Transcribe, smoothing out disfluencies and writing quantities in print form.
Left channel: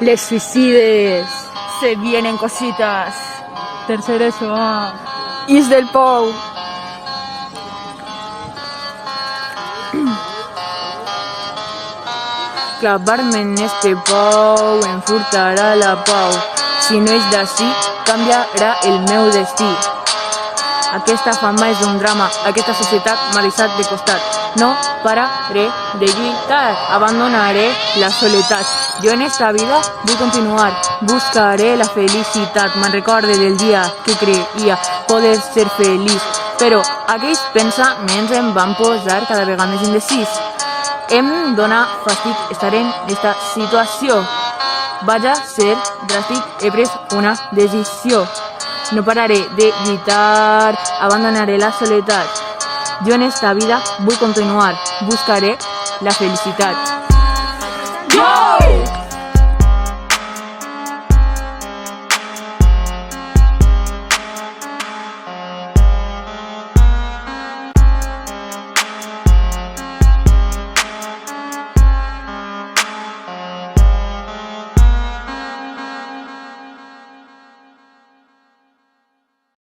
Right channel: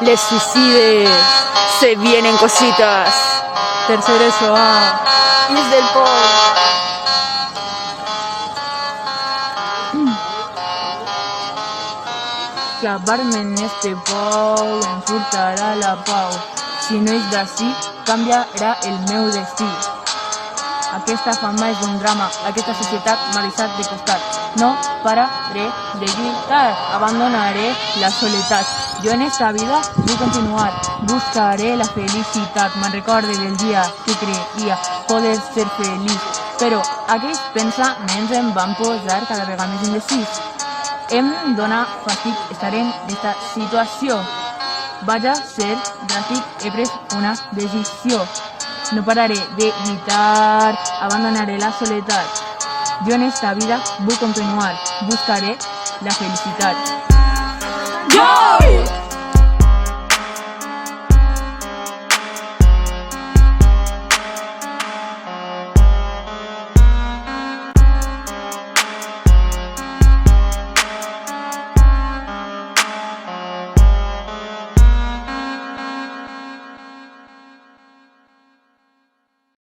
Les suicides, se vienen cositas. Tercer eso, Is del Pou. Clavar-me en este pou em furtarà la pau. Si no és d'ací, canviarà el meu destí. Aquesta fama és un drama, aquesta societat m'ha deixat de costat. No pararé de lluitar, abandonaré la soledat. Jo en esta vida vull continuar, buscaré la felicitat. Me'n recorde del dia que creia poder ser feliç, però aquells pensaments em van posar cada vegada més indecís. Em dóna fàstic estar en esta situació. Vaig a ser dràstic, he pres una decisió. No pararé de lluitar, abandonaré la soledat. Jo en esta vida vull continuar, buscaré la felicitat.